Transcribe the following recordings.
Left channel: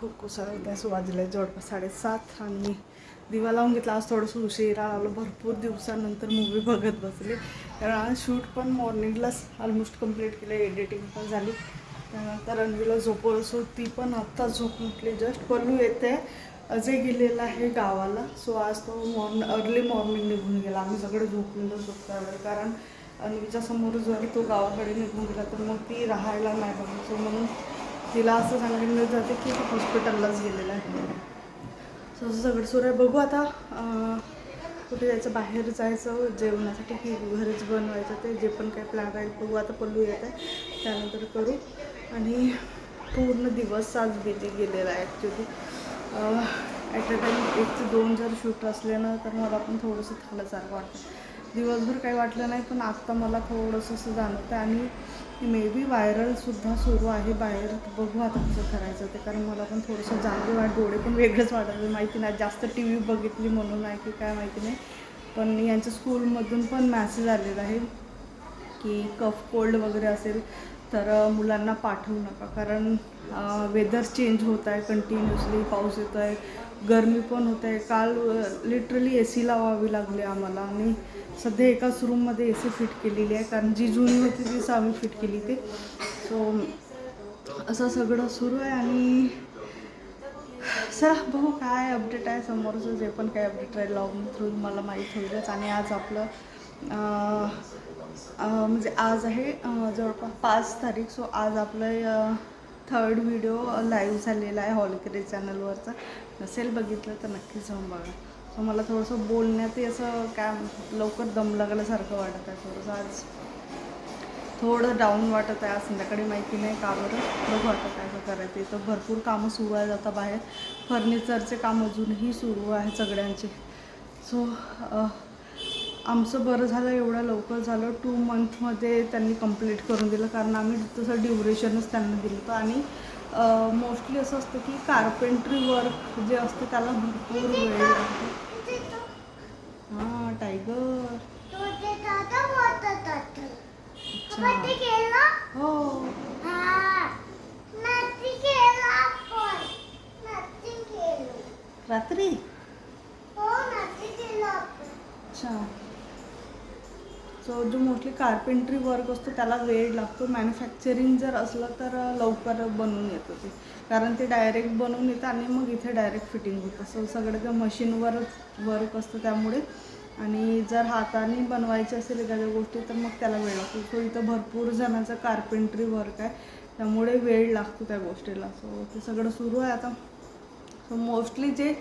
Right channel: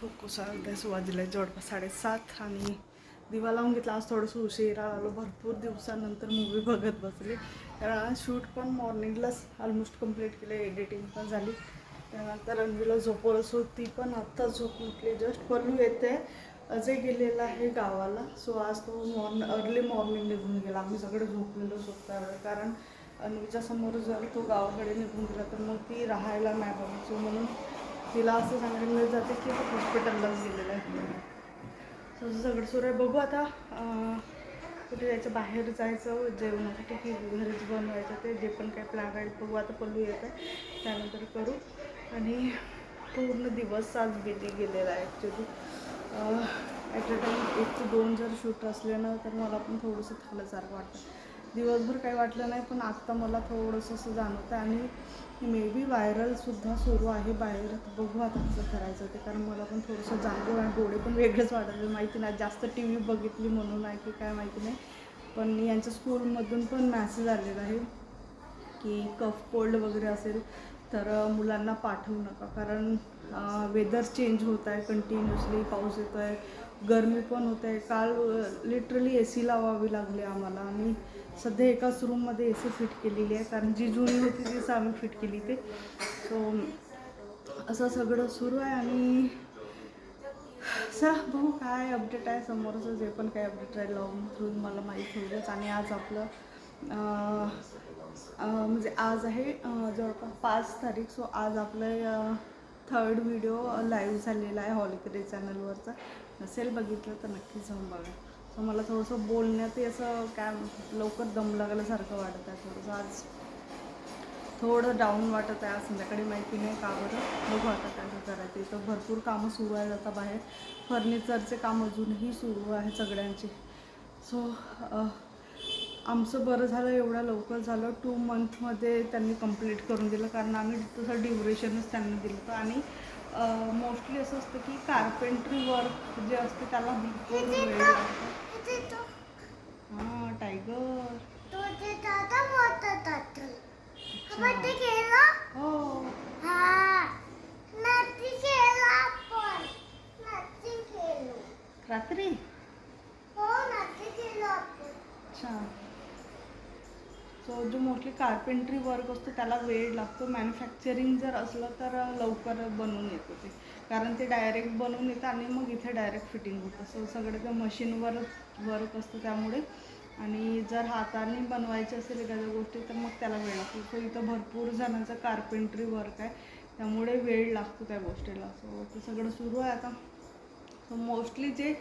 खूप कोसळत आहे. सुरुवातीला जवळपास 7:30 आणि दिवा लावून घेतला. आज थोडंसं उशिरा आलो. भरपूर दिवसानंतर मूवी बघत बसले, कारण आज शूट पण मॉर्निंगलाच ऑलमोस्ट कंप्लीट केलं, एडिटिंग पण झाली. त्यानंतर रणवीला झोपवलं, सो ती पण आत्ता झोप उठली. जस्ट पल्लू येते, अजय गेलेला आहे गावाला. सो आज तो अर्ली मॉर्निंग निघून गेला. आम्ही सगळे झोपलेलो झोपता वेळ, कारण अन्वीच्या समोर जर तो गावाकडे निघून गेला तर मग ती राहायला नाही बघा. सो म्हणून तिला असं सांगितलं जाते की तो हॉस्पिटललाच गेलेला आहे. सो असं सगळं सुरू आहे. बघू आता कुठे जायचं, बाहेर जायचं जेवणासाठी की घरीच बनवायचं, ते जे पण काही प्लॅन आहे बघू. आता पल्लू येत आहे त्यानंतर करू. आणि पूर्ण दिवस आज बिझी गेलेला आहे ॲक्च्युली. ॲट अ टाईम 1 ते 2 जर शूट असले तर मला पण थोडंसं थकल्यासारखं वाटतं. दिवसभर काही वाटलं नाही, पण आत्ता मला थोडंसं असं जाणवतं. आणि मे बी व्हायरलसुद्धा सुरू आहे बाहेर. बघू आता कसं करायचं ते, कारण मला पण थोडंसं जाणवतं. डोळे पण वेगळंच वाटत, माहिती नाही जास्त टी व्ही बघितली म्हणून आहे की काय माहिती नाही. पण यांच्या स्कूलमधून पण मॅसेज आलेला आहे की कफ कोल्ड वगैरे असेल तर मुलांना पाठवू नका, कारण वेदर चेंज होत आहे कंटिन्युअसली. पाऊस येतो आहे, गरमी पण होत आहे. काल लिटरली AC लावावी लागली आम्हाला. आणि सध्या एकाच रूममध्ये AC फिट केलेली आहे, कारण जी जुनी होती तीच आम्ही फिट केली ते. सो असं सगळं सुरू आहे. आणि चला बघू काय अपडेट आहे समोरचं. जे पण काही अपडेट राहील लॉग थ्रू मला माहीत होईलच. आणि आज आपलं म्हणजे आज आहे जवळपास 5 तारीख. सो आज आपलं 3rd व्हिडिओ लाईव्ह झालेला आहे हॉलकरी चॅनलवरचा. नसेल बघितलं तर नक्कीच जाऊन बघा. सो मला थोडंसं बोलण्यातही असं काय लवकर दम लागल्यासारखं वाटत आहे. थोडंसं आज थोडं डाऊन वाटत आहे. आज संध्याकाळी माहिती नाही का बरं. बघू आता काय करायचं. इथं भरपूर कामं सुरू आहेत आता बाहेर. फर्निचरचे काम अजूनही सुरू आहे सगळ्यांचे. सो आमचं बरं झालं एवढं लवकर झालं. 2 मंथमध्ये त्यांनी कंप्लीट करून दिलं, कारण आम्ही तसं ड्युरेशनच त्यांना दिलं होतं. आणि मोस्टली असं असतं की कार्पेंट्री वर्क जे असते त्याला भरपूर वेळ लागतो. हां टायगर. हो रात्री. अच्छा. सो जो मोस्टली कार्पेंट्री वर्क असतो त्याला वेळ लागतो. मॅन्युफॅक्चरिंग जर असलं तर लवकर बनवून येतं ते, कारण ते डायरेक्ट बनवून येतं आणि मग इथे डायरेक्ट फिटिंग होतं. सो सगळं त्या मशीनवरच वर्क असतं त्यामुळे. आणि जर हाताने बनवायचे असेल एखाद्या गोष्टी तर मग त्याला वेळ लागतो. सो इथं भरपूर जणांचं कार्पेंट्री वर्क आहे, त्यामुळे वेळ लागतो त्या गोष्टीला. सो ते सगळं सुरू आहे आता. सो मोस्टली जे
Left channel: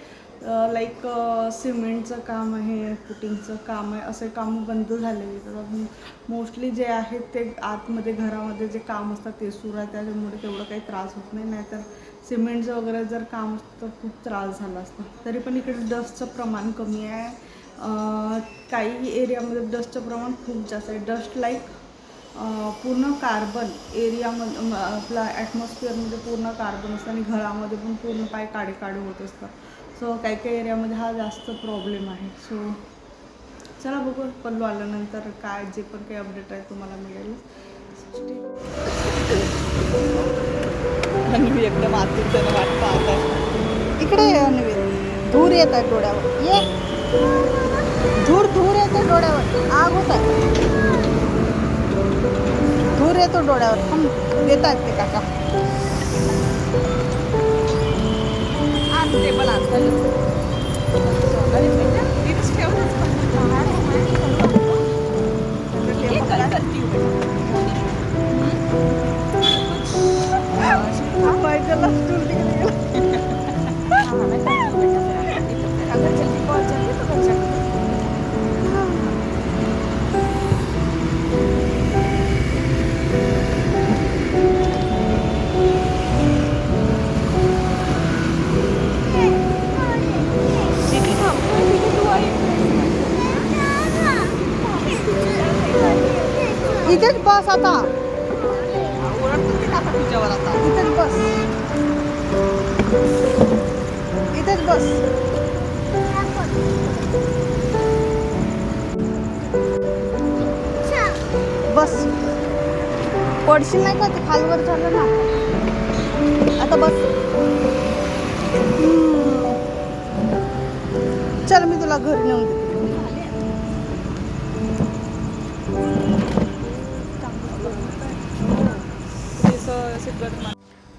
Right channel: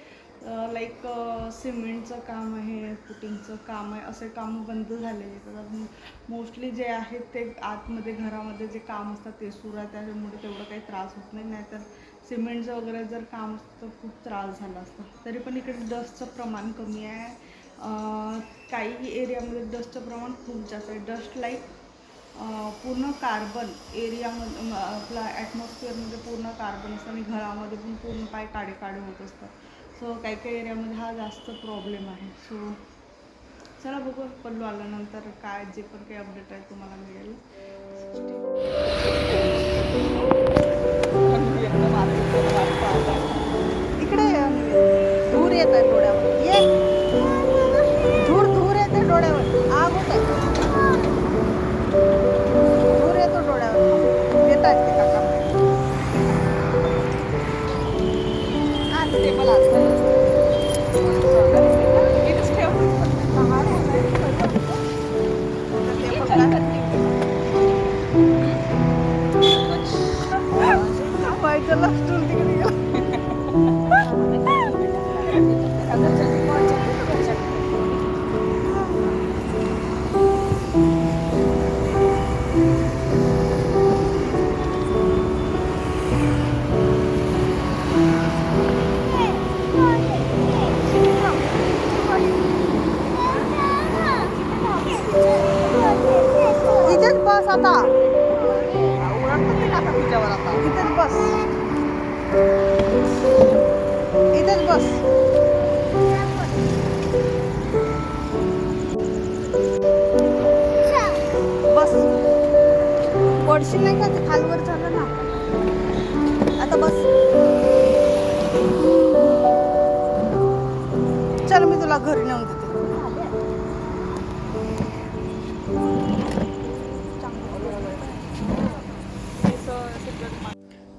लाईक सिमेंटचं काम आहे, पुटिंगचं काम आहे, असे कामं बंद झालेले. तर मोस्टली जे आहेत ते आतमध्ये घरामध्ये जे काम असतात ते सुरू आहे, त्याच्यामुळे तेवढं काही त्रास होत नाही. नाहीतर सिमेंटचं वगैरे जर काम असतं तर खूप त्रास झाला असता. तरी पण इकडे डस्टचं प्रमाण कमी आहे. काही एरियामध्ये डस्टचं प्रमाण खूप जास्त आहे. डस्ट लाईक पूर्ण कार्बन एरियामध्ये आपला ॲटमॉस्फिअरमध्ये पूर्ण कार्बन असतं आणि घरामध्ये पण पूर्ण पाय काळे होत असतात. सो काही काही एरियामध्ये हा जास्त प्रॉब्लेम आहे. सो चला बघू पल्लू आल्यानंतर काय जे पण काही अपडेट आहे तुम्हाला मिळेल. एकदम इकडे धूर येत आहे डोळ्यावर. ये धूर येते डोळ्यावर. आग होत आहे, धूर येतो डोळ्यावर. देतात ते काका. टेबल इथेच बस आता. इथेच बस, इथेच बस. बस पडशील नाही का, ते खालवर झालं ना आता. बस. चल मी तुला घरी नेऊन देते.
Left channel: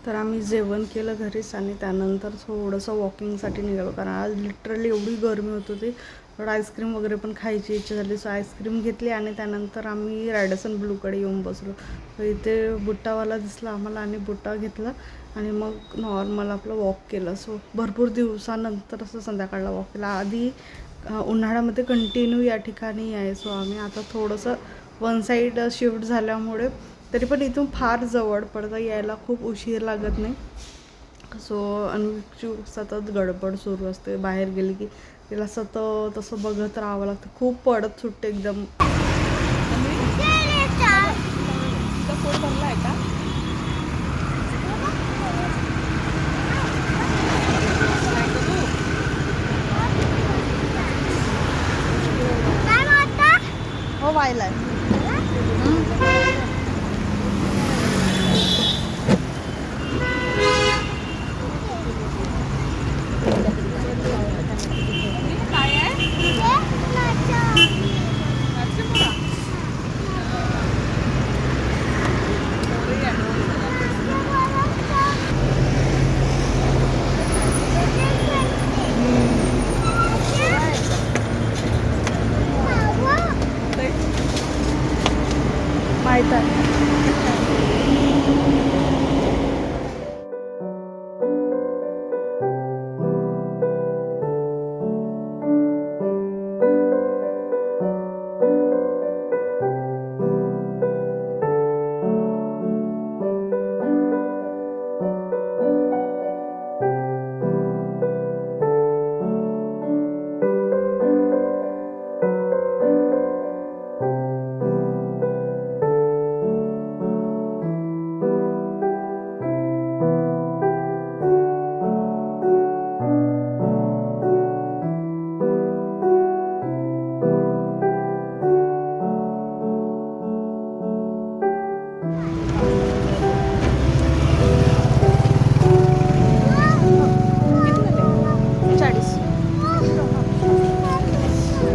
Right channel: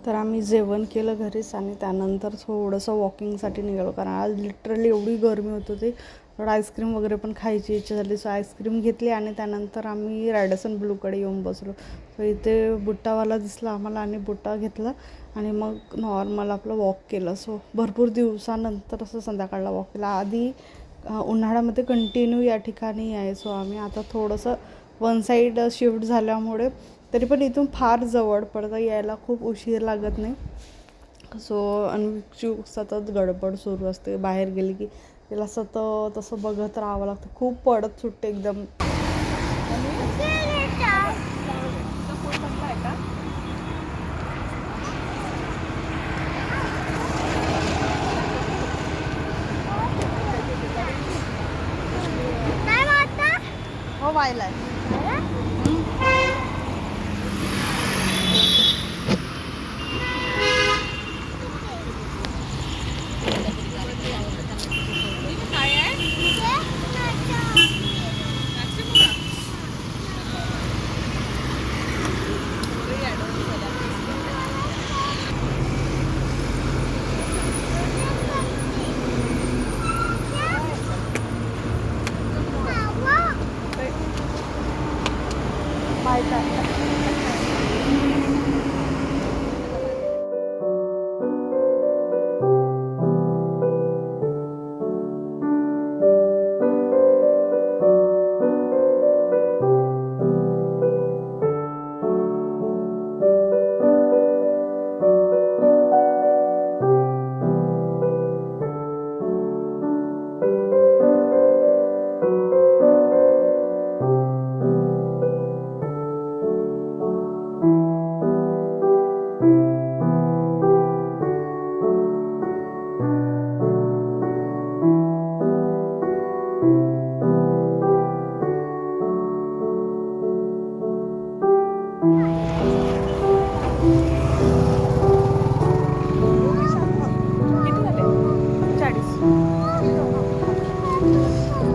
तर आम्ही जेवण केलं घरीच आणि त्यानंतर थोडंसं वॉकिंगसाठी निघालो, कारण आज लिटरली एवढी गरमी होत होती. थोडं आईस्क्रीम वगैरे पण खायची इच्छा झाली, सो आईस्क्रीम घेतली आणि त्यानंतर आम्ही रॅडिसन ब्लूकडे येऊन बसलो. तर इथे बुट्टावाला दिसला आम्हाला आणि बुट्टा घेतला आणि मग नॉर्मल आपलं वॉक केलं. सो भरपूर दिवसानंतर असं संध्याकाळला वॉक केला. आधी उन्हाळ्यामध्ये कंटिन्यू या ठिकाणी आहे. सो आम्ही आता थोडंसं वन साईड शिफ्ट झाल्यामुळे तरी पण इथून फार जवळ पडतं, यायला खूप उशीर लागत नाही. सो अनुची सतत गडबड सुरू असते, बाहेर गेली की तिला सतत असं बघत राहावं लागतं, खूप पडत सुटते एकदम. हो व्हायलाय. माहित आहे.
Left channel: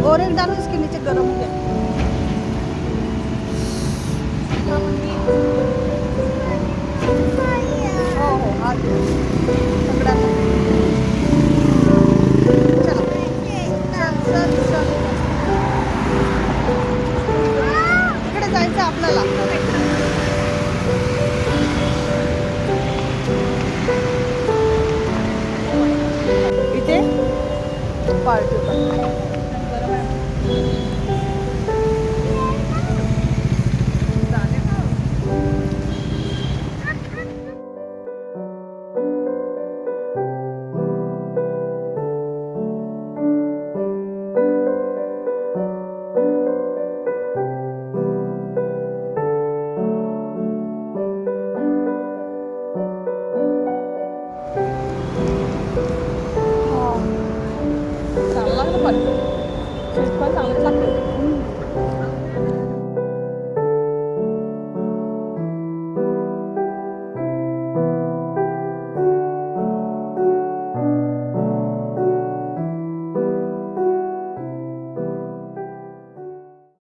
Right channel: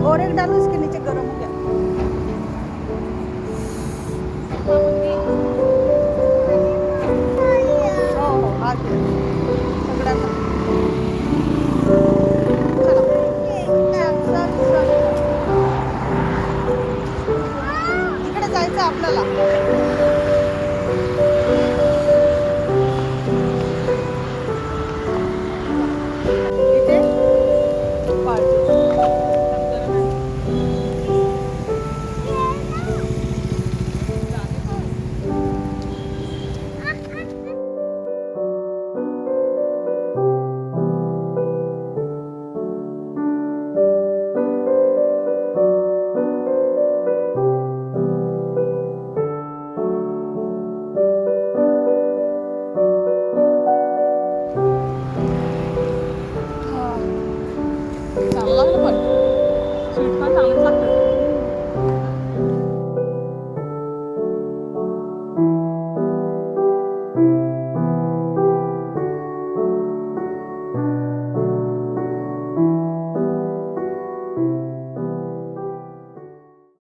और एक डालो इसके